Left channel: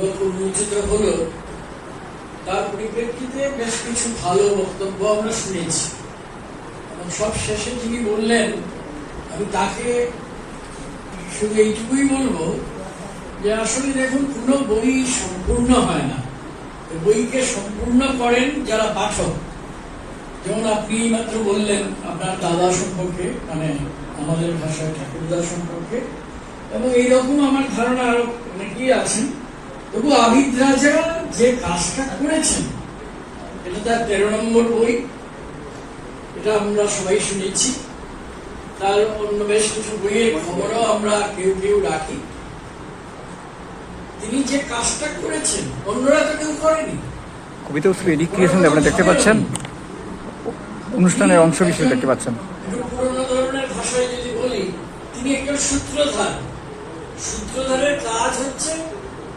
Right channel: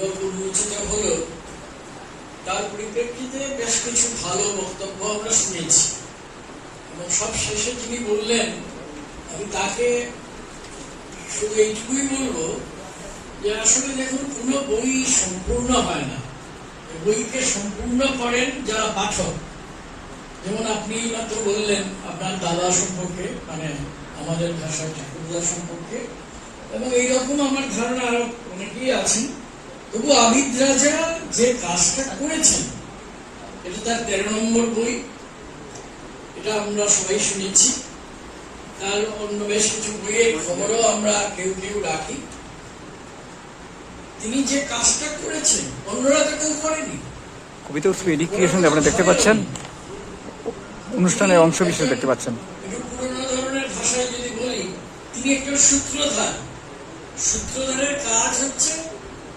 উন্মোচিত হলো তার পরিপ্রেক্ষিতে বেশ কিছু ভালো বক্তব্য আমরা শুনেছি। সব শেষে তিনি বললেন, আমি তাকে শুধু এইটুকুই বলব যে আসলে দেখুন, কোনো বই সম্পূর্ণ হয় না। বইকে সম্পূর্ণ করেন যারা পাঠক। যেমন আপনি মাত্র বললেন, আপনার দাদা সম্পর্কে মানে আমাদের ভাষায় ঠাকুরদা সম্পর্কে। এবং এইরকম আমার ধারণা আরও অনেকেই আছেন। তবু আবিদ রাজা যে কাজটা করেছেন এটা তার তেরো নম্বর বই। এটা আমরা সবাই শুনেছি। তার অন্য বেশ কিছু বইয়ের খবরও আমরা কেউ কেউ রাখি। তিনি যে কাজটা করেছেন অন্যরা তো কেউ করেনি। কবিতা উৎসব এদিক থেকে আপনারা দেখতে পাচ্ছেন? অনুষ্ঠানের অংশ বিশেষ দেখতে পাচ্ছেন। পুরোনো ধরনের ভাষায় যদি বলি তিনি একটা সূত্রধার। সূত্রধারের কাজ হচ্ছে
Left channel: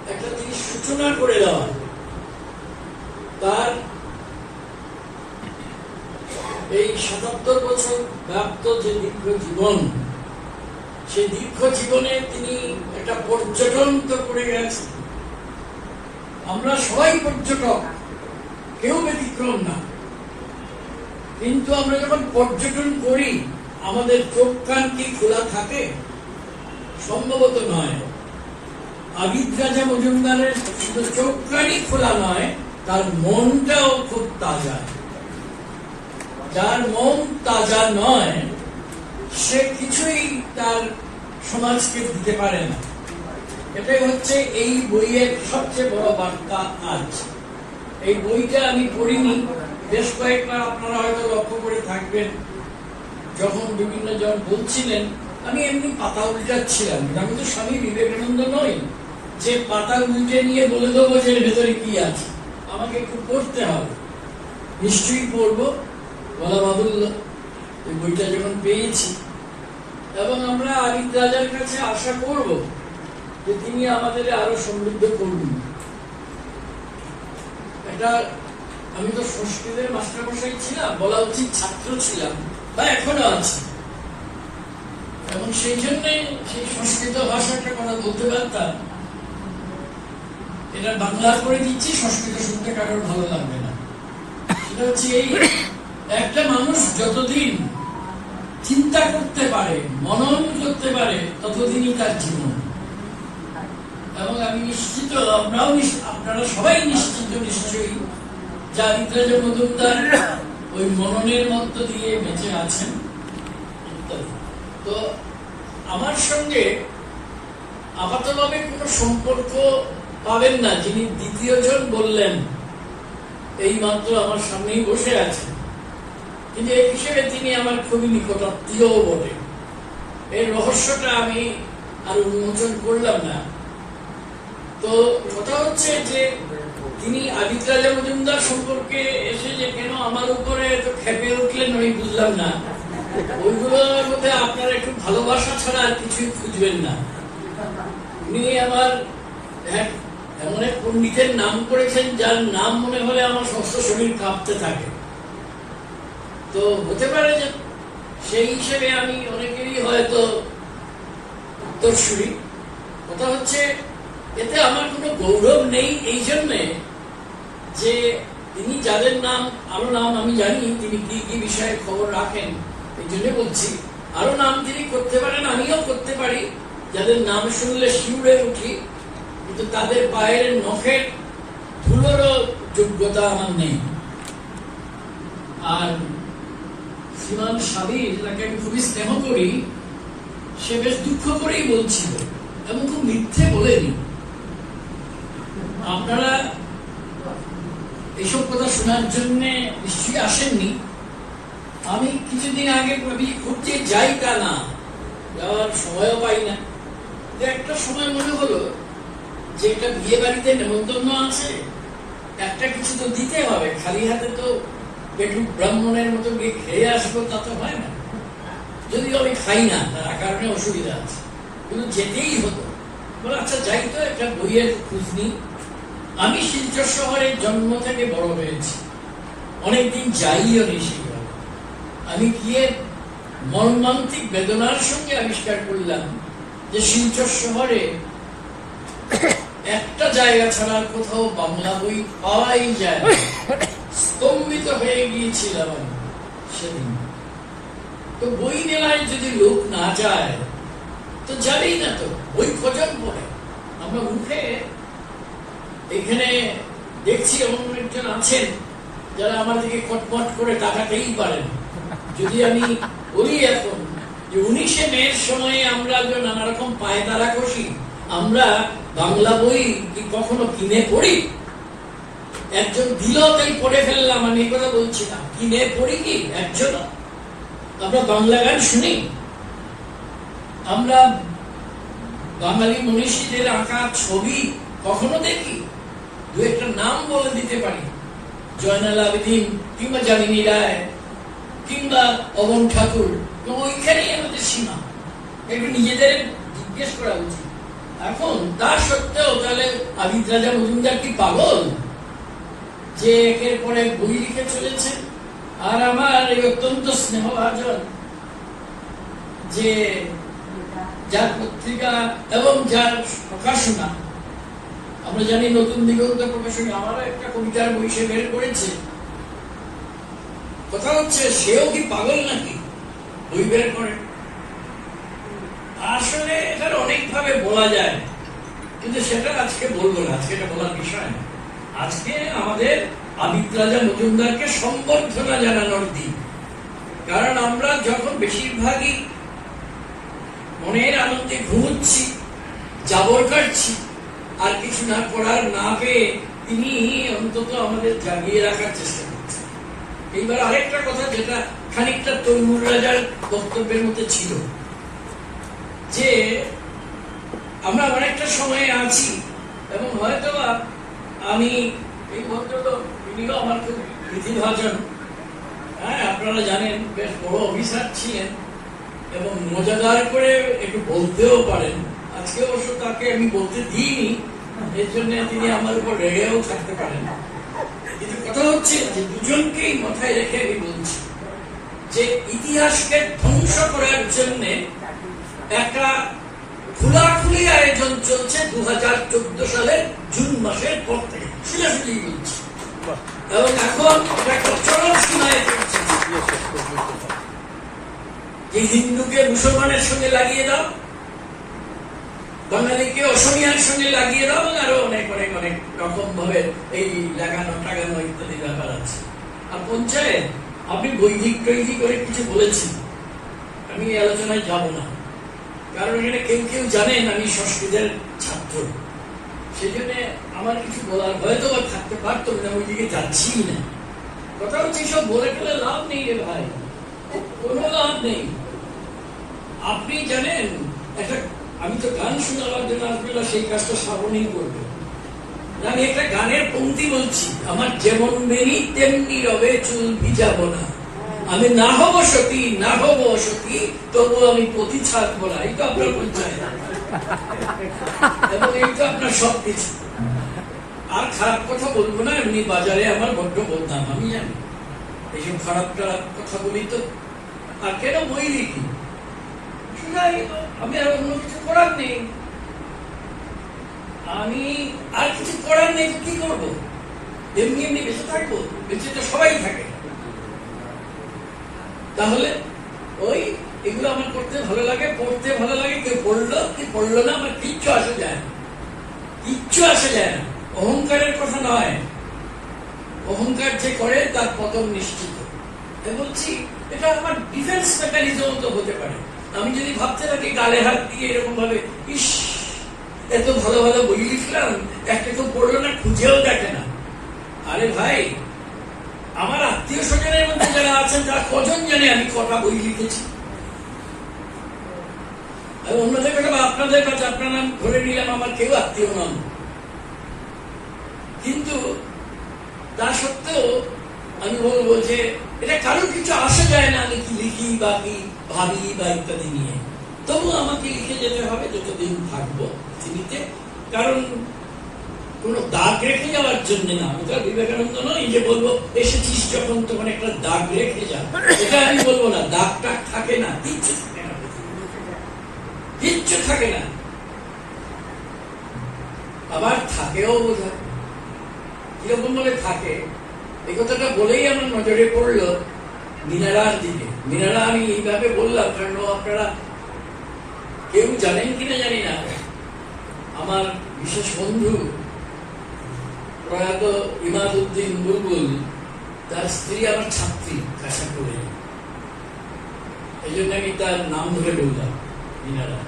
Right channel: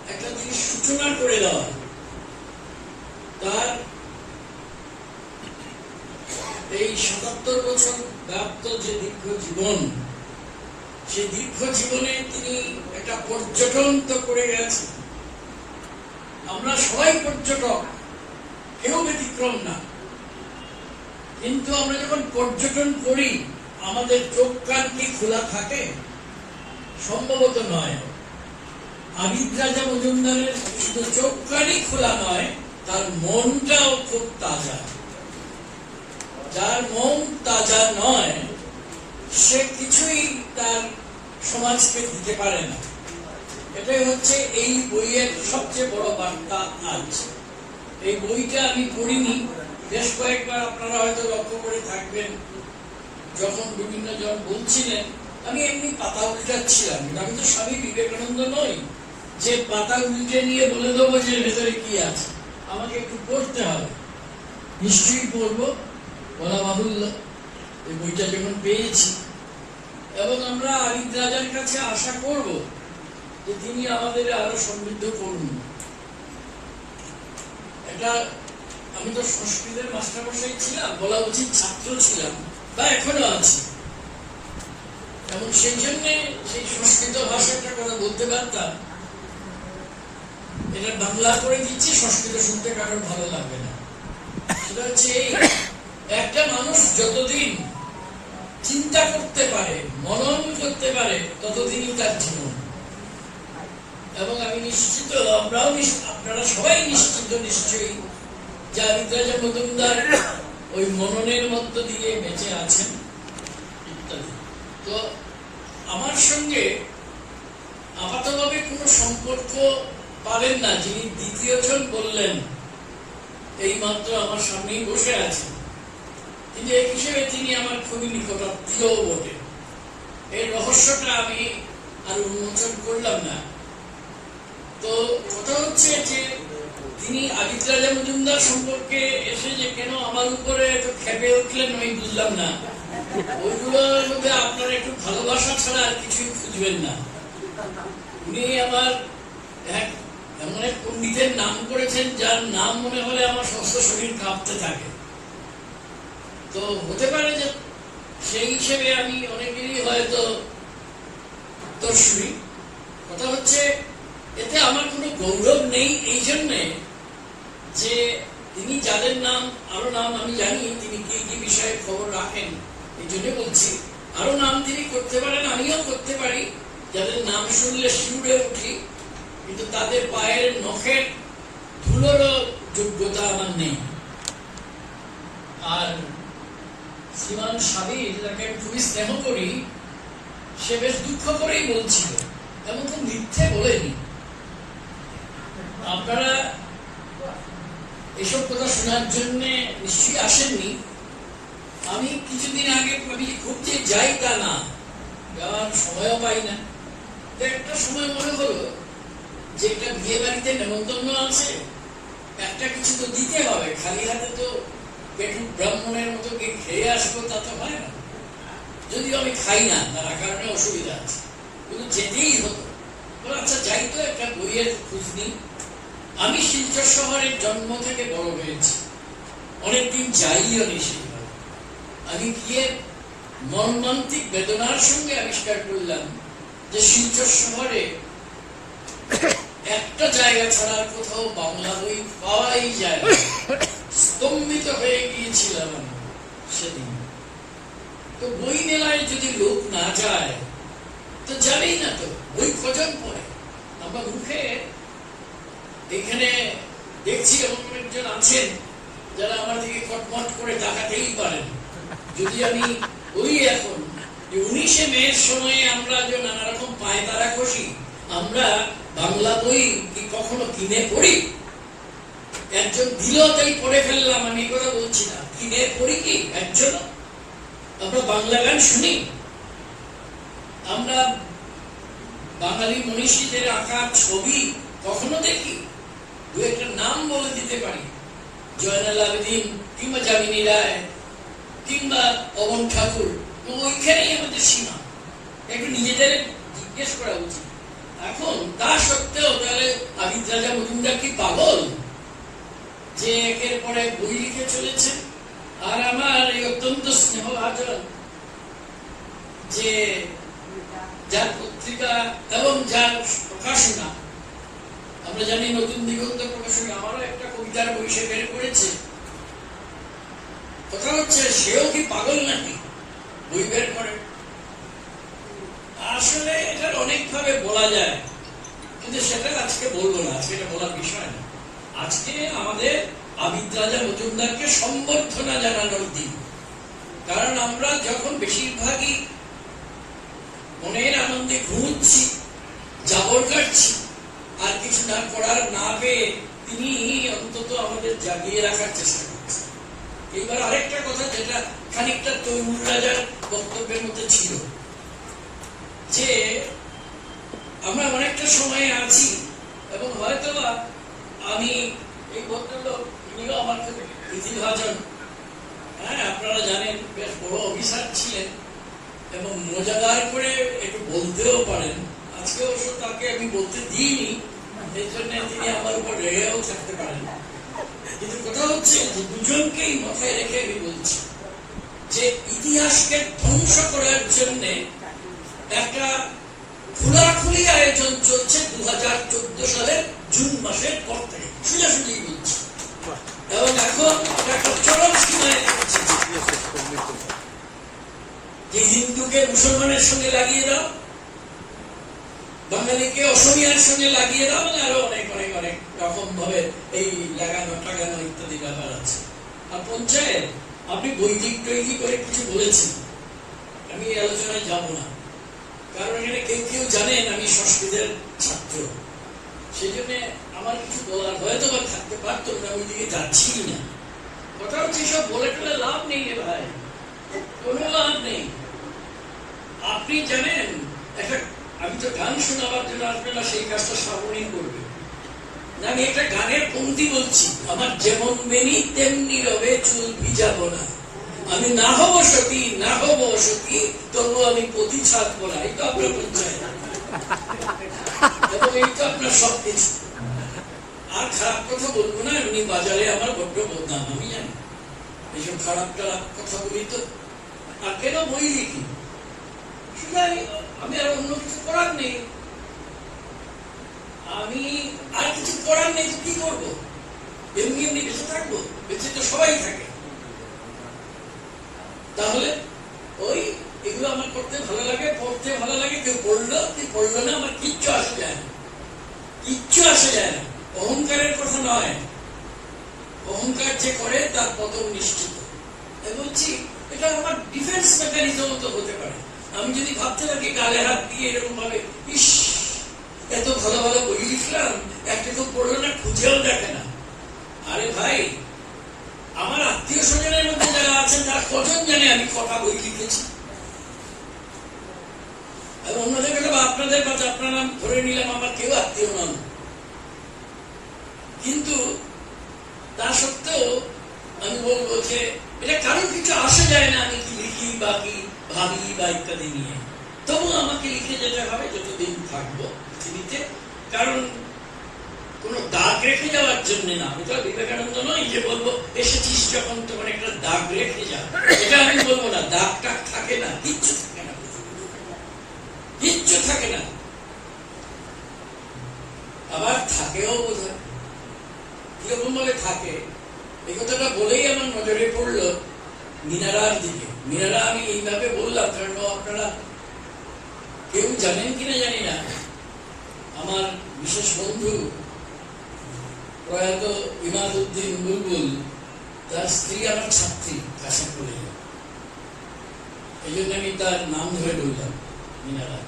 একটা জিনিস সূচনা করে দেওয়া তার এই সাতাত্তর বছর ব্যাপ্ত যে দীর্ঘ জীবন, সেই দীর্ঘ জীবনে তিনি একটা পর্যটন তো করে গেছেন। আমরা সবাই পর্যটক, কেউ ব্যতিক্রম না। কিন্তু আমরা যখন পর্যটন করি, আমাদের চোখ কান কি খোলা থাকে? সম্ভবত নয়। আবিদ রাজা মজুমদারের শুধু চোখ কানই খোলা নয়, তার মনটাও খুব তাজা। যার মন তাজা নয়, সে কিছুই তার সমাজকে দিতে পারে না। এটাই হচ্ছে এই বইয়ের সবচেয়ে বড় বার্তা আজ। এই বইটা আমি পড়িনি, বেশ কয়েকবার আপনারা হয়তো লক্ষ্য করে থাকবেন। যখন বিভিন্ন জন বলছিলেন, আমি এমনি পাতা উল্টাচ্ছিলাম আমি তো স্বামী বিবেকানন্দ নই। যে পাতা উল্টে নিয়ে বলে দেবো যে ভেতরে কি আছে। আমাকে একটু পড়তে হবে। নিশ্চয়ই পড়ব। বলা বাহুল্য। ওই বইটা যখন পেয়েছি, এবং আমরা আরিদ রাজার কাছে আশা করব যে তিনি আমাদের আরও সমৃদ্ধ করবেন। এটা আমি তো সংস্কৃতের মাস্টারমশাই ছিলাম, বলা উচিত ছাত্র ছিলাম, বা এখনও আছি। এবং সেই জন্য সেই সংস্কৃত ভাষাটা কথা বলতে পারতাম এটা বাংলা করে দিচ্ছি সংস্কৃত শুনতে কারোর ভালো লাগবে না। সেটা হচ্ছে এই, একটা মানুষ যতদিন চিন্তা করতে পারে, মনন করতে পারে, ততদিনই তার জীবন। এবং আমি নিশ্চিত, আমরাও আপনারা সবাই নিশ্চিত নিশ্চয়ই, যে আদিত্য মজুমদার ওই মননের মধ্য দিয়ে বেঁচে আছেন। তো আমার সঙ্গে আপাতভাবে কোনো সম্পর্ক পাবেন না, যিনি দ্বিতীয় জন বললেন। এই মাত্র আমার সামনেই বসে আছেন। কিন্তু এই হিসেবে তিনি আমার খুবই নিকটাত্মীয় বটে। এর রহস্যটা আমি আর উন্মোচন করলাম না। তো কথা হচ্ছে যে, তিনি আদিত্য রাজা মজুমদার সম্পর্কে এসে যে কেন আমার উপরে এত খেপে উঠলেন, আমি বুঝলাম না। ওইগুলোর মধ্যে আপনারা একটু ভালোবাসা ছাড়া আর কিছুই খুঁজবেন না। উনি আমার এক এমন এক পণ্ডিতের নাম করেছেন যার নাম মনে হলে আমার সমস্ত শরীর কাঁপতে থাকে। তো হতে পারে যে সেই হিসেবে আমি অনেকেরই হয়তো উত্তরসূরি। কথা হচ্ছে, এতে আমার কোনো গৌরব নেই এই জন্যে যে তিনি যাদের নাম, আরও নাম আমি জানি, তিনি কি কি বিষয়ে খবর রাখেন এই জন্য বলছি। আরও নাম তিনি করতে পারেন, আমিও করতে পারি। যাদের নাম শুনলে শিউরে উঠি। কিন্তু তাদের পায়ের নখের ধুলোরও যোগ্যতা আমার নেই। আর শ্রীমান সাবির যাকে আমি খুবই স্নেহ করি, সে বেশ দুঃখ করেই বলছিল। এমন খুব মিথ্যে বলেনি। আপনারা এসব কথা শোনার জন্য নিশ্চয়ই আসেননি। আমি কিছুদিন আগে আমি ঘুরতে যাই তা না, যাওয়ার সময়ও পাই না। একটা সময় মনে হলো যে একটা বিয়ে বাড়িতে নেমন্তন্ন আছে, একটা কিছু তো দিতে হবে। খালি হাতে তো পেটু ব্রাহ্মণের মতো গিয়ে খেয়ে আসব, তা তো হয় না। যদিও আমি খাই না, তার কারণে অসুবিধা আছে। কিন্তু যেতেই হতো। বলে আচ্ছা যাই তো, একটা বইয়ের খোঁজ নিই। আমি শিলচর শহরের জন্ম থেকে বড় হয়েছি। অনেকদিন যাইও নি সেভাবে আমি গিয়ে মর্মান্তিক বেদনার সঙ্গে আবিষ্কার করলাম যে শিলচর শহরে একটা জায়গা ছাড়া আর কোথাও বাংলা বই পাওয়াই যায়। স্তম্ভিত হয়ে গিয়েছিলাম আমি সেদিন। তো বই মেলায় যদি লোক না যায়, তো যাবেই না তো, বই খোঁজার পরে। আমরা মুখে এখানে দেখছি এমন একজন আছেন যারা আমার দিকে কটমট করে তাকাতেই পারেন। যদি আমি ওই এখন উনিশে মের সময়ে আমরা যে নানা রকম পায়তারা কষি, আমরা বাংলা বই কি কখনো কিনে পড়ি? একজন দিল, তাই পড়ে ফেললাম, আমি এই কথা বলছি না কিনে পড়ি কি? একজন। আমরা বাংলা গান শুনি। আমরা বাঙালি মনীষীদের আঁকা ছবি কখনো দেখি? দু একটা নাম বলে দিতে পারি। জয়নাল আবেদিন কিংবা জামিনী রায় কিংবা পবন ঠাকুর। ওইখানেই আমাদের সীমা। একটু নিজেদের জিজ্ঞেস করা উচিত। এখন তা সত্ত্বেও তাহলে আবিদ রাজা মজুমদার কি পাগল যে একের পরে বই লিখে চলেছে? আর আমার এই অত্যন্ত স্নেহভাজন যে যার পত্রিকা এবং যার প্রকাশনা, আমরা জানি নতুন দিগন্ত প্রকাশনী আমারও একটা কবিতার বই সে বের করেছে। কথা হচ্ছে, সেও কি পাগল নাকি? বই বের করে। আসলে এটার অনেকভাবে বলা যায়। কিন্তু সেটা আজকে বলব না, আজকে এটা বলার বিষয় না। আজকে আমাদের আবিদ রাজা মজুমদারকে সম্বর্ধনা জানানোর দিন। কারণ আমরা যখন বেশিরভাগই মনের আনন্দে ঘুমুচ্ছি, জাবর কাটছি, আর কিছু না করার না পেয়ে তিনি অন্তত আমাদের জাগিয়ে রাখার চেষ্টা করছেন। এইবার আরেকটা কথা, যেটা খানিকটা তৈমুর রাজার বক্তব্যের মধ্যে ছিল। যে আমরা অনেকটা সময়ে আছি এবং হয়তো আমি এই ভদ্রলোক আমার খুব প্রীতিভাজন হ্যাঁ আপনারা জানেন বেশ বড় অফিসার ছিলেন এবং মজাদার করে একটু বলতেও পারেন। আজকে অবশ্য তাকে আমি বলতে দিইনি, এর জন্য তিনি আমার উপর রেগেও থাকতে পারেন। কিন্তু কথা হচ্ছে যে দুজনকেই মাথায় রেখে আমি বলছি যে ইতিহাসকে ধ্বংস করার জন্য একটা খোলাখুলি আয়োজন চলছে দু হাজার চোদ্দ সালের জুন মাসের পর থেকে। সোজাসুজি বলছি। এবং এখন একটা চরম সীমায় পৌঁছেছে যে হিন্দুকে মুসলমানের সঙ্গে লাগিয়ে দাও, বাঙালিকে অসমিয়ার সঙ্গে লাগিয়ে দাও এবং আরও অনেক অনেক অনেক রকম ভাবে এই লাগানো, টাগানো ইত্যাদি ব্যাপার আছে। আর পঞ্চায়েত, আপনি বৈদিক তৈরি করে কিছু বলেছেন। আমি আলোচনায় যাব না। কারণ এখানে কেউ কেউ জানেন আমি সংস্কৃতের ছাত্র। আমার কিছু বলার হয়তো বা থাকতে পারতো না ওই দিকে যাচ্ছি না। কথা হচ্ছে সব বলে ফেলে লাভ নেই রে ভাই। কোনো লাভ নেই। আপনি জানেন, একটা, আমি তো গান শোনাবার জন্য না সেই কাজটা শ্রাবণী করবে। আমি একটা গানের পংক্তি বলছি, আমার যেমন মেনি তেমনি রবে চুল ভিজাবো না। আমি না হব সতী, না হব সতী তবু আমি পতি ছাড়বো না এই তো আপনার পঞ্চায়েত এবং এই তো আপনার সব কিছু আর খারাপ কথা বলব না, এমনি বাজারে আমার বড্ড বদনাম, আমি জানি। এইসব খারাপ খারাপ কথা বলি তো। আর কেন বই লিখি? আমি আর অন্য কিছু করার নেই। আমি আর কিছু করার নেই কি করব? এমনি এমনি বেঁচে থাকব? বেঁচে তো সবাই থাকে। তাহলে ওই এগুলো আমার করতে ভালো লাগে, পড়তে ভালো লাগে, কেউ পড়ল, কি পড়ল না, আমার কিচ্ছু আসে যায় না। কিচ্ছু আসে যায় না। অহংকারের কথা নয়। অহংকার যে করে, তার পতন নিশ্চিত। বলছি, এটা আমার ডিফেন্স মেকানিজম তো হতে পারে। আমি যদি ভাবতে থাকি, গালে হাত দিয়ে এরকম ভাবে, ইস, এত ভালো ভালো বই লিখলাম, একটা কেউ পড়ল না, খুঁজেও দেখে না। আরে ভাই আমার আত্মীয় স্বজনের মধ্যে যারা আছেন, তারা কজন জানে আমি কটা বই লিখেছি? আর অন্যদের কাছে বা আপনাদের কাছে আপনার নাম ধরে নিলাম, আমার কেউ আত্মীয় নাম কিন্তু তা সত্ত্বেও আমি বলব যে, এটা কারোর কিছু আসা যায় না, আমি কি লিখি বা কি ভাবি বা ইত্যাদি নিয়ে। তবু আমাকে লিখে যেতে হবে, যতদিন থাকব পৃথিবীতে। কারণ কোন দাগ রেখে যাওয়ার জন্য না। আমি বিবেকানন্দ নই যে বলব, এসেছিস যখন, তখন একটা দাগ রেখে যা। এটা আমি বলব না দাগ টাগ থাকে না, কিচ্ছু থাকে না। কিচ্ছু থাকে না। আবার থাকেও বোধ কীরকম ভাবে থাকে? এই কথাটা বলেই আমার নজরে পড়ল মিনারার দিকে। মিনারা, আমি এইভাবে বললাম, কারণ আপনারা কেউ জানেন কিনা জানি না। আমার বিশেষ বন্ধু প্রয়াত ইমাদ উদ্দিন বুলবুল, তার স্ত্রী আমার ছাত্রী, কাশাপুরে। এই জন্য আমি তার নাম ধরে বললাম, মিনারা।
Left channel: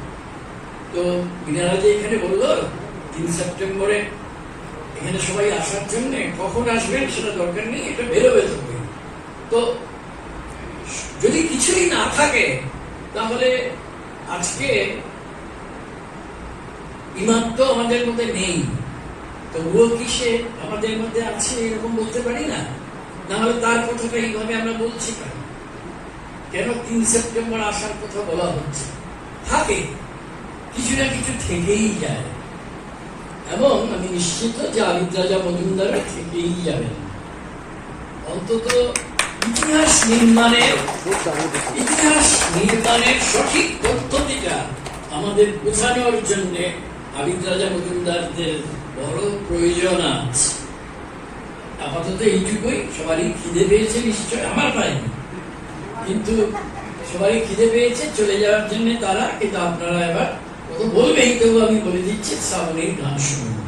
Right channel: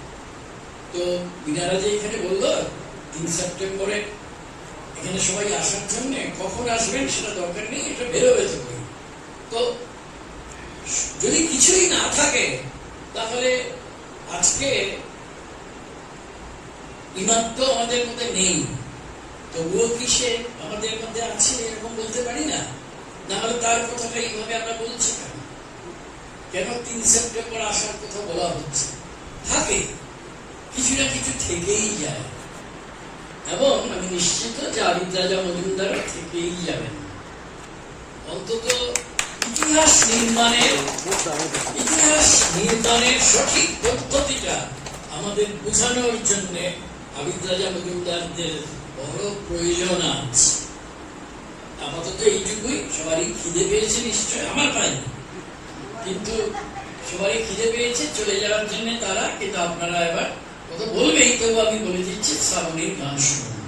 তো মিনারা যে এখানে বলল, তিন সেপ্টেম্বরে এখানে সবাই আসার জন্য কখন আসবেন সেটা দরকার নেই, এটা বেরোবে তবে। তো যদি কিছুই না থাকে, তাহলে আজকে ইমাম তো আমাদের মধ্যে নেই। তবুও কি সে আমাদের মধ্যে আছে এরকম বলতে পারি না? না হলে তার কথাটা এইভাবে আমরা বলছি কেন? কেন তিন সেপ্টেম্বর আসার কথা বলা হচ্ছে? থাকে। কিছু না কিছু থেকেই যায়। এবং আমি নিশ্চিত যে আবিদ রাজা মজুমদার থেকেই যাবেন। অন্তত ইতিহাস নির্মাণের ইতিহাস নির্মাণের সঠিক পদ্ধতিটা আমাদের বোঝানোর জন্য আবিদ রাজা মজুমদারদের বড় প্রয়োজন আছে। আপাতত এইটুকুই। সবারই খিদে পেয়েছে নিশ্চয়, আমার পায়নি। কিন্তু সবারই খিদে পেয়েছে, চলে যাওয়ার জন্য তারা, কিন্তু আপনারা এবার কত বলবেই, তবু আমি বলে দিচ্ছি, শ্রাবণীর গান শুনুন।